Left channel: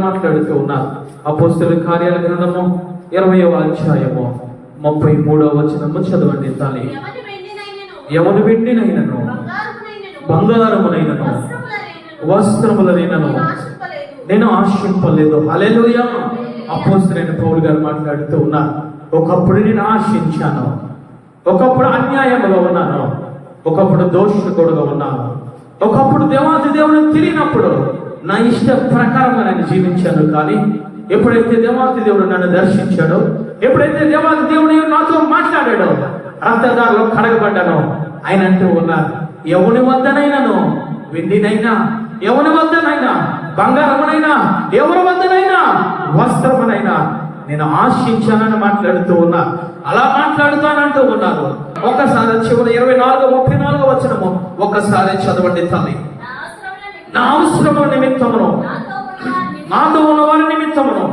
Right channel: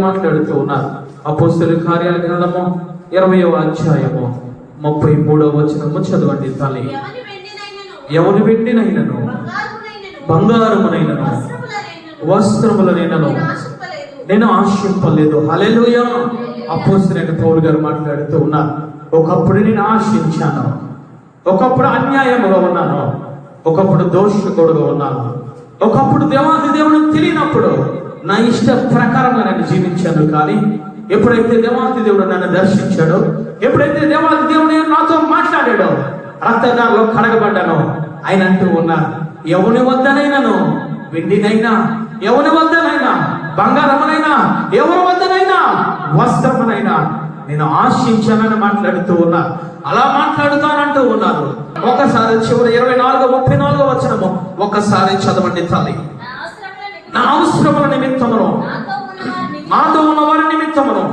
మాట్లాడుతూ ఉన్నారు. అపోస్తుల కార్యాల గ్రంథము ఇరవయో అధ్యాయము ముప్పై మూడవ వచనము చదవండి తల్లి. ఎవరు వెండినైనను? బంగారమునైనను, వస్త్రములనైనను. నేను ఆశింపలేదు. హల్లెలూయ! అపోస్తులైన పౌలు గారు మాట్లాడుతూ ఉన్నారు. ఒకప్పుడు నేను ఆశించాను. ఒకప్పుడు అన్యాయముగా ఉన్నాను. ఒకప్పుడు దోషకుడుగా ఉన్నాను. ఒకప్పుడు దేవాది దేవుని తెలియనప్పుడు నా ఇష్ట ప్రకారంగా నన్ను జీవించాడు కానీ ఎప్పుడైతే దేవాతి దేవుడు నన్ను దర్శించాడో ఎప్పుడైతే దేవాతి దేవుడు నాతో మాట్లాడాడో రక్తదారులో కడగబడ్డాను ఆయన అంటూ ఉన్నారు ఎవరి వద్దనైనాను? వెండినైనా? ఎవరి వద్దనైనా? బంగారమునైనా? ఎవరి వద్దనైనా? వస్త్రమునైనా? నేను ఆశించానని మాట్లాడుతూ ఉన్నా అలా మాట్లాడుతానంటూ ఉన్నారు. ఒకసారి చివరి ఇరవై నాలుగు ముప్పై నాలుగు వచ్చినము ఒకసారి చదవండి తల్లి. నా అవసరముల నిమిత్తము, నిమిత్తమును. నాతో ఉన్న వారి నిమిత్తమును.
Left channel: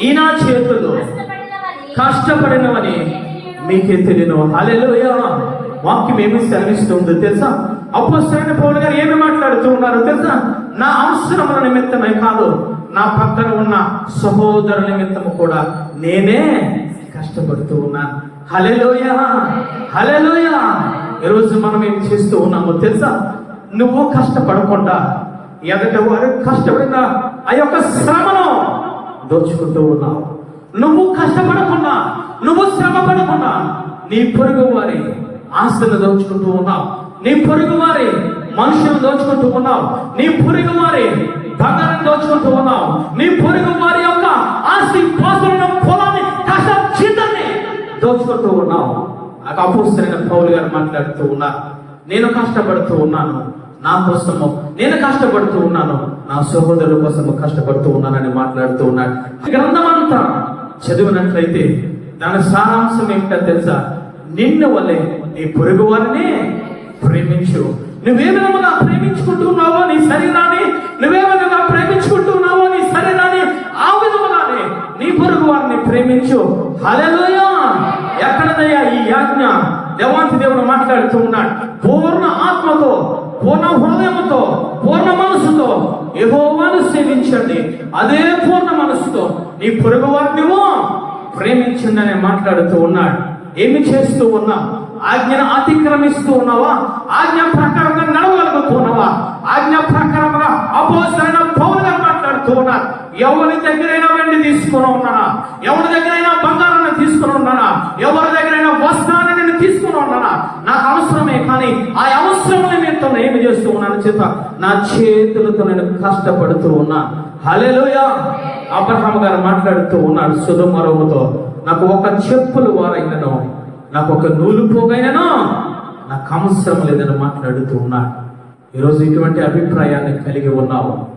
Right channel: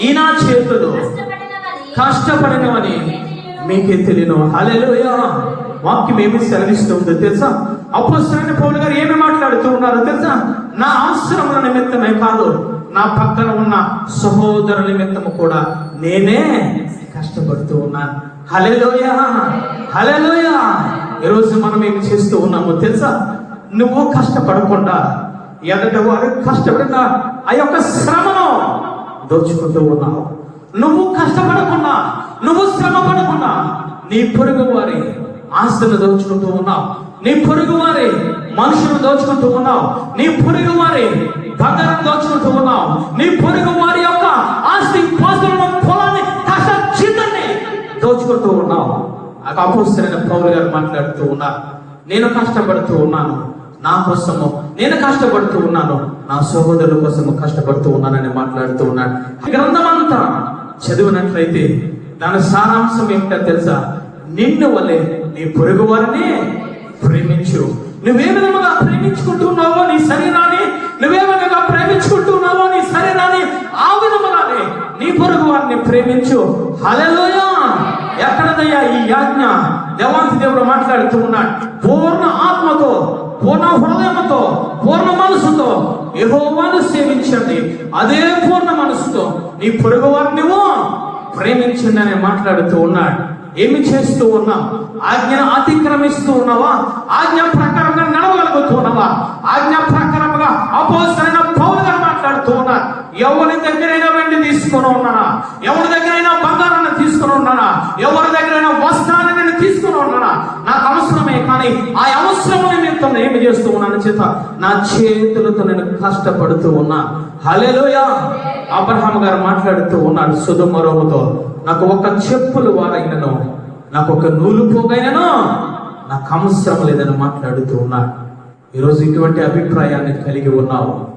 ఈ నా చేతులు కష్టపడినవని మీకే తెలియను. హల్లెలూయా. వాక్యం ఏమి సెలవిస్తుంది తెలుసా? అపోస్తలైన పౌలు గారు ఏమి మాట్లాడుతూ ఉన్నారు తెలుసా? నా అవసరముల నిమిత్తమే కాదు నా పక్కన ఉన్న సహోదరుల నిమిత్తము కూడా నేనే కష్టపడుతూ ఉన్నాను హల్లెలూయా. హల్లెలూయా. ఈరోజు మనం ఏం చేస్తూ ఉన్నామో తెలుసా? నువ్వు కష్టపడకుండా ఎదటి వారు కష్టపడిన ఆ యొక్క శ్రమను దోచుకుంటూ ఉన్నావు. నువ్వు కష్టపడకుండా నువ్వు శ్రమ పడకుండా నీ పొరుగు వారి ఆస్తులు దోచుకుంటూ ఉన్నావు. నీ పొరుగు వారి మనుషులు దోచుకుంటూ ఉన్నావు. నీ పొరుగు వారి బంగారం దోచుకుంటూ ఉన్నావు. నీ పొరుగు వారి యొక్క ఆస్తి పాత్రలను పొలాన్ని కష్ట జీతాన్ని దోచుకుంటూ ఉన్నావు. ఆ అపోస్తలైన పౌలు గారు మాట్లాడుతూ ఉన్నారు. నేను కష్టపడుతూ ఉన్నాను. నా కోసము నేను కష్టపడుతూ ఉన్నాను. నా సహోదరుల కోసము కష్టపడుతూ ఉన్నానని మాట్లాడుతూ ఉన్నాడు ఈ గ్రంథం అంతా చదివినట్లయితే దాని సారాంశం ఏమిటో తెలుసా? నిన్ను వలె నీ పొరుగు వారిని ప్రేమించు. నువ్వే విధముగా ప్రేమించుకుంటున్నావో నీ శరీరాన్ని నువ్వే విధంగా ప్రేమించుకుంటున్నావో నీ శరీరాన్ని ఆ విధముగానే నీ పొరుగు వారిని ప్రేమించు. హల్లెలూయా! ఎక్కడదయ్యా ఈ యాజ్ఞ? దేవాంతి దేవుడు మాట్లాడుతూ ఉన్నాడు. పూర్ణ ఆత్మతో పూర్ణ హృదయంతో పూర్ణ మనసుతో యెహోవాను సేవించండి. అదే పూర్ణ మనసుతో నీ పొరుగు వారిని ప్రేమించండి అని మాట్లాడుతూ ఉన్నాడు. ఏమి చేస్తూ ఉన్నావు? ఆజ్ఞ అతిక్రమిస్తూ ఉన్నావా? ఆజ్ఞ ప్రకారంగా నడవగలుగుతున్నావా ఆజ్ఞ ప్రకారంగా అపోసరైన పౌరుగా మాట్లాడుతూ ఉన్నా ఎవరి దగ్గరైనా వెండి తీసుకొని ఉన్నానా ఎవరి దగ్గరైనా బంగారాన్ని తీసుకొని ఉన్నానా ఎవరి దగ్గరైనా వస్త్రాన్ని నేను తీసుకొని ఉన్నానా నాకు అవసరమే కానీ ఆ అవసరం నిమిత్తం నేను ఏమి చేస్తూ ఉన్నాను చేత నా చేతులతో నేను కష్టపడుతూ ఉన్నా. హల్లెలూయా! అబ్రహాం గారు మాట్లాడుతూ ఉన్నాడు సుధమరముతో. నాకు ఒక చెప్పులు వారైనను నాకు ఒక నూలు పోగైనను. నాకు అవసరం లేదని మాట్లాడుతూ ఉన్నాడు ఈరోజు ఇటువంటి అభిప్రాయాన్ని కలిగి ఉన్నావు.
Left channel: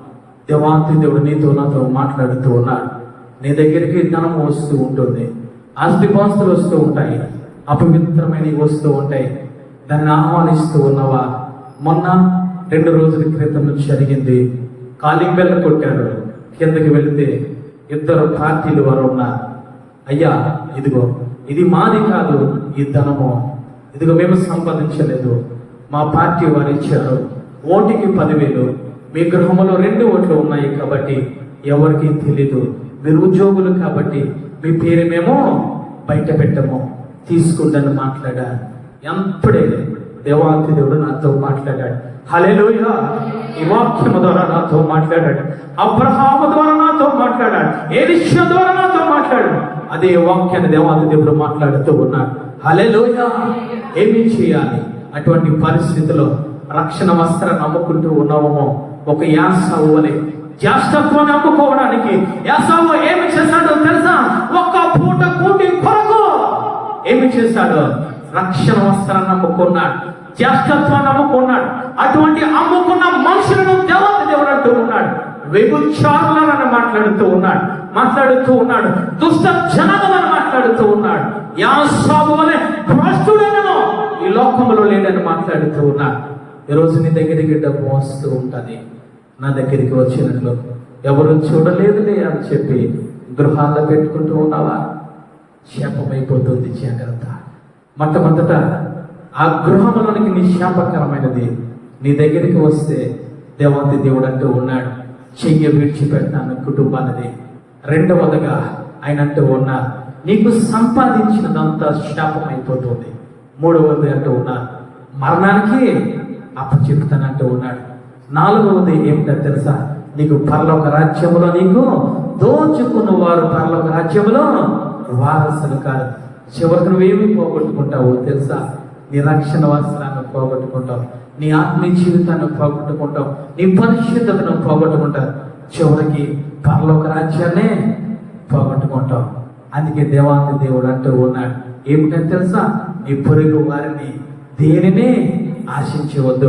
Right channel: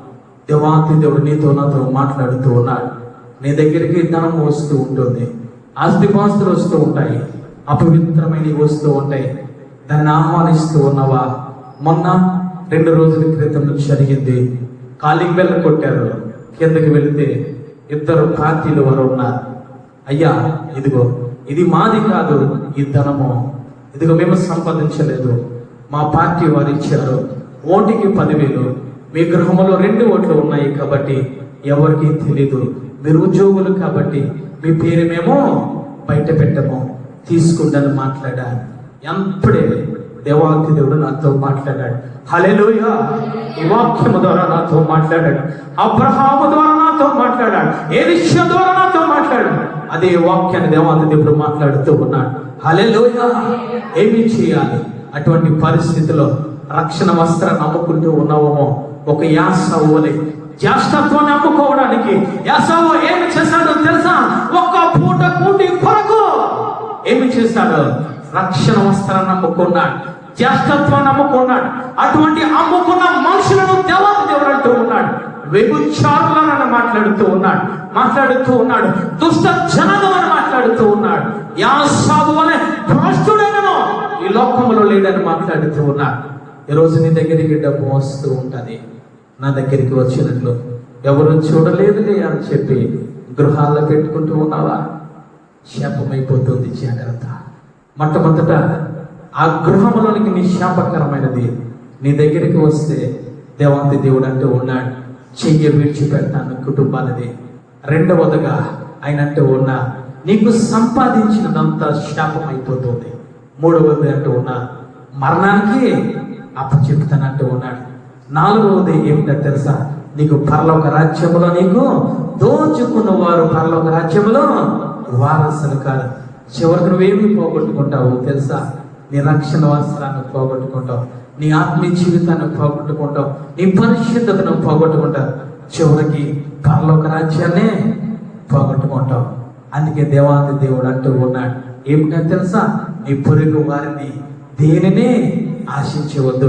దేవాతి దేవుడు నీతో నాతో మాట్లాడుతూ ఉన్నాడు నీ దగ్గరికి ధనం వస్తూ ఉంటుంది. ఆస్తిపాస్తులు వస్తూ ఉంటాయి. అపవిత్రమైనవి వస్తూ ఉంటాయి. దాన్ని ఆహ్వానిస్తూ ఉన్నావా? మొన్న రెండు రోజుల క్రితం జరిగింది. కాలింగ్ బెల్ కొట్టారు. కిందకి వెళితే ఇద్దరు పార్టీలు వారు ఉన్నారు. అయ్యా ఇదిగో ఇది మాది కాదు ఈ ధనము. ఇదిగో మేము సంపాదించలేదు. మా పార్టీ వారు ఇచ్చారు. ఓటుకి పదివేలు. మీ గృహంలో రెండు ఓట్లు ఉన్నాయి కాబట్టి ఎవరికి తెలీదు. మీరు ఉద్యోగులు కాబట్టి మీ పేరుమేమో బయట పెట్టము. తీసుకుందని మాట్లాడారు. ఎంప్పుడే దేవాంతి దేవుడు నాతో మాట్లాడాడు. హల్లెలూయా. ఈ వాక్యము ద్వారా నాతో మాట్లాడాడు. అబ్రహాము ద్వారా నాతో మాట్లాడాడు. ఏ విషయం ద్వారా నాతో మాట్లాడాడు? అదే వాక్యాన్ని దేవాంతి దేవుడు మాట్లాడుతూ ఉన్నాడు. హల్లెలూయా. ఏమి చేయాలి? అటువంటి పరిస్థితిలో రక్షణ వస్త్ర నమ్ముకుంటూ ఉన్నామో ఒక యాసవు అని. జ్యేష్ఠత్వాన్ని నమ్ముకోవడానికి యాసవు ఏమి చేశాడో తెలుసా? ఒక్క పూట కూటి కొరకు. ఏమి చేశాడు? రక్షణ వస్త్రాన్ని నమ్ముకున్నాడు జ్యేష్ఠత్వాన్ని నమ్ముకున్నాడు అటువంటి అమ్ముకున్న మనుషులను దేవత దేవుడు అంటూ ఉన్నాడు వ్యభిచారులను మాట్లాడుతూ ఉన్నాడు మాట్లాడుతూ ఉన్నాడు దుష్ట జనములను మాట్లాడుతూ ఉన్నాడు యాసాదు అనే భ్రష్టుడైనను ఈ లోకములో లేడని మాట్లాడుతూ ఉన్నాడు. ఈరోజు నీ దగ్గరికి డబ్బు వస్తూ ఉంటుంది నా దగ్గరికి వచ్చినట్లు ఎవరు చూడలేదులే అని చెప్పి గృహాల్లో పెట్టుకుంటూ ఉన్నావా? శాపమైపోతుంది జాగ్రత్త. మొట్టమొదట ఆ గృహములకి నీ శాపకరమైనది నీ దగ్గరికి వస్తే దేవాంతి దేవుడు అంటూ ఉన్నాడు. చెయ్యి విడిచిపెడతాను కుటుంబాన్ని రెండవదిగా ఆయన అంటూ ఉన్నా నీకు సంపాదించినంత శాపం అయిపోతుంది మూడవది అంటూ ఉన్నా మరణానికి అప్పచెప్తానంటూ ఉన్నాడు. నాలుగవది ఏమిటో తెలుసా? నీకు పరలోక రాజ్యంలో నీకు దోచుకున్న వారు పరలోక రాజ్యంలో వారసులు కాదు. చివరికి నువ్వేమి పోగొట్టుకుంటావు తెలుసా? నీ రక్షణ వస్త్రాన్ని పోగొట్టుకుంటావు. నీ ఆత్మీయ జీవితాన్ని పోగొట్టుకుంటావు. నీ పరిశుద్ధతను పోగొట్టుకుంటావు. చివరికి పరలోక రాజ్యాన్నే పోగొట్టుకుంటావు. అందుకే దేవాది దేవుడు అంటూ ఉన్నాడు. ఏమిటంటే తెలుసా? నీ పొరుగు వారిని దేనిని ఆశించవద్దు.